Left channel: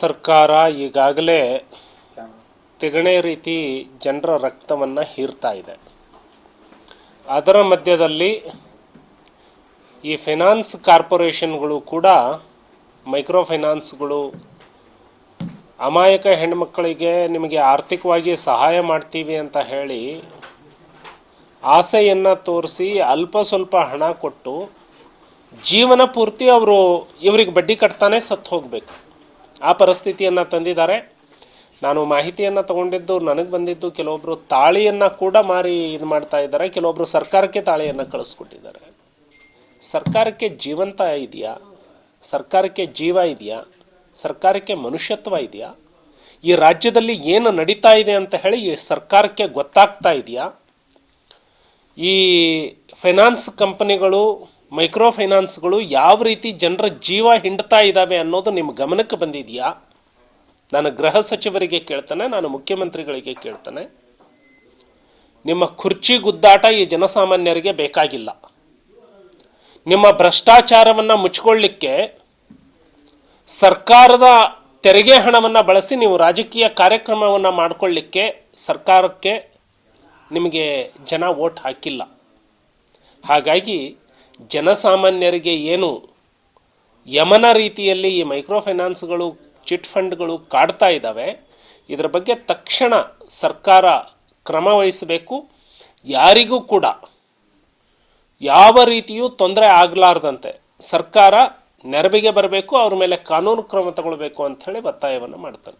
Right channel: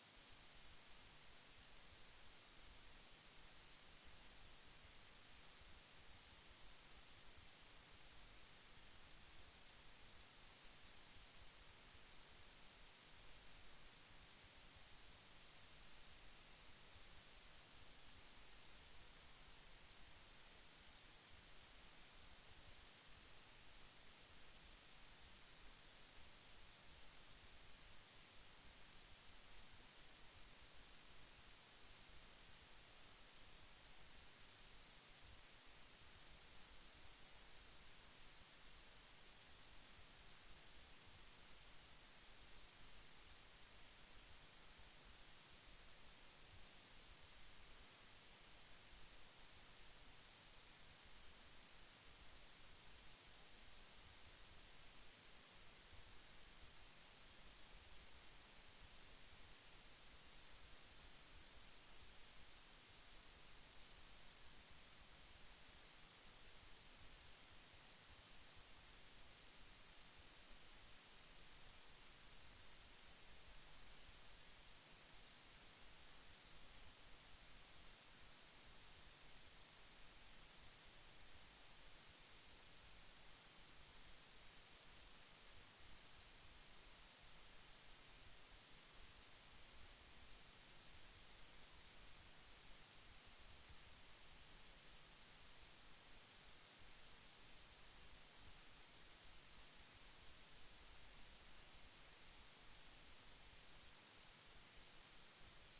ಸರ್ಕಾರ ಈಗಾಗಲೇ ತಿಗಣೆ ರೀತಿ ಜನರ ರಕ್ತವನ್ನು ಹೀರ್ತಾ ಇದೆ. ಅದರ ಮಧ್ಯದಲ್ಲಿ ಈ ಫೈನಾನ್ಸ್ ಕಾರ್ಪೊರೇಷನ್ಗಳು ಕೂಡ ಮೈಕ್ರೋ ಫೈನಾನ್ಸ್ಗಳು ಅಮಾಯಕ ಹೆಣ್ಮಕ್ಕಳಿಗೆ ನಿಮಗೆ ಆರ್ಥಿಕವಾಗಿ ಸಹಾಯ ಮಾಡ್ತೀವಿ ಅಂತ ಹೇಳಿ ಆಸೆಯನ್ನು ತೋರಿಸಿ ಅಲ್ಪ ಸ್ವಲ್ಪ ಹಣ ಕೊಟ್ಟು ಜೀವನ ಪೂರ್ತಿ ಇವರಿಗೆ ಬಡ್ಡಿ ಕಟ್ತಾನೆ ಸತ್ತು ಹೋಗಬೇಕು, ಆ ಪರಿಸ್ಥಿತಿಯನ್ನು ತಂದಿದ್ದಾರೆ. ನಾನು ಮಾಹಿತಿಯನ್ನು ತಗೊಂಡಿದ್ದು ನನಗೆ ಬಂದಿದ್ದು ಕೆಲವೊಬ್ಬರು ತಾಳಿಯನ್ನು ಕೂಡ ಮಾರಿ ಇದು ಮಾಡ್ತಾ ಇದ್ದಾರೆ, ಕೆಲವೊಬ್ಬರು ಸರ್ಕಾರಕ್ಕೆ ತಾಳಿಯನ್ನು ಕಳಿಸ್ಕೊಟ್ಟಿದ್ದಾರೆ. ಸರ್ಕಾರಕ್ಕೆ ಜೀವಂತ ಇದೆಯಾ? ಸರ್ಕಾರಕ್ಕೆ ಜೀವ ಇದೆಯಾ? ಸರ್ಕಾರಕ್ಕೆ ಮನುಷ್ಯತ್ವ ಇದೆಯಾ? ಈ ರಾಜ್ಯದಲ್ಲಿ ಏನು ನಡೀತಾ ಇದೆ ಅಂತ ಹೇಳಿ ಈ ಸರ್ಕಾರಕ್ಕೆ ಗೊತ್ತಾಗ್ತಾ ಇದೆಯಾ? ಈ ಫೈನಾನ್ಸ್ ಕಂಪನಿಗಳು, ಮೈಕ್ರೋ ಫೈನಾನ್ಸ್ಗಳು ಯಾವ ರೀತಿ ಜನರ ಜೀವ ಹಿಂಡ್ತಾ ಇದ್ದಾವೆ ಅನ್ನೋದು ನಿಮ್ಮ ಗಮನಕ್ಕೆ ಬಂದಿದೆಯಾ? ನಾನು ಗೃಹ ಸಚಿವರಿಗೆ ಕೇಳ್ತಾನೆ, ನಾನು ಮುಖ್ಯಮಂತ್ರಿಗಳಿಗೆ ಕೇಳ್ತಾನೆ. ನಿಮ್ಮ ಕುರ್ಚಿ ಗುದ್ದಾಟ ಈ ಜನಸಾಮಾನ್ಯರಿಗೆ ಬೇಕಾಗಿಲ್ಲ. ನಿಮ್ಮ ಭ್ರಷ್ಟಾಚಾರವನ್ನು ಮುಚ್ಚಿಕೊಳ್ಳಿಕ್ಕೆ ಸರ್ಕಾರದ ತೆರಿಗೆ ಹಣವನ್ನು ಬಳಸಿ ನೀವು ರಾಜಕೀಯ ಕಾರ್ಯಕ್ರಮವನ್ನು ಮಾಡಿಕೊಳ್ಳಿಕ್ಕೆ ಸರ್ಕಾರಕ್ಕೆ ನಿಮಗೆ ಜನ ವೋಟ್ ಹಾಕಿಲ್ಲ. ಹಾಗಾಗಿ ಜನಸಾಮಾನ್ಯರಿಗೆ ಏನು ಯಮನ ರೀತಿಯಲ್ಲಿ ಈ ಮೈಕ್ರೋ ಫೈನಾನ್ಸ್ಗಳು, ಚಿಟ್ ಫಂಡ್ಗಳು ಕಾಡ್ತಾ ಇದ್ದಾವೆ, ಇದರ ಬಗ್ಗೆ ತಕ್ಷಣ ಸರ್ಕಾರ ಕ್ರಮ ವಹಿಸಬೇಕು. ಯಾರಿಗೂ ಕೂಡ ಯಾವ ರೀತಿಯೂ ತೊಂದರೆ ಆಗಲಾರ್ದಂತೆ ಸರ್ಕಾರ ನೆರವಿಗೆ ಬರಬೇಕು, ಅವ್ರ ಮೇಲೆ ಕಾನೂನು ಕ್ರಮ ತಗೊಳ್ಬೇಕು ಅಂತ ಹೇಳಿ ಒತ್ತಾಯವನ್ನು ಮಾಡ್ತಾರೆ.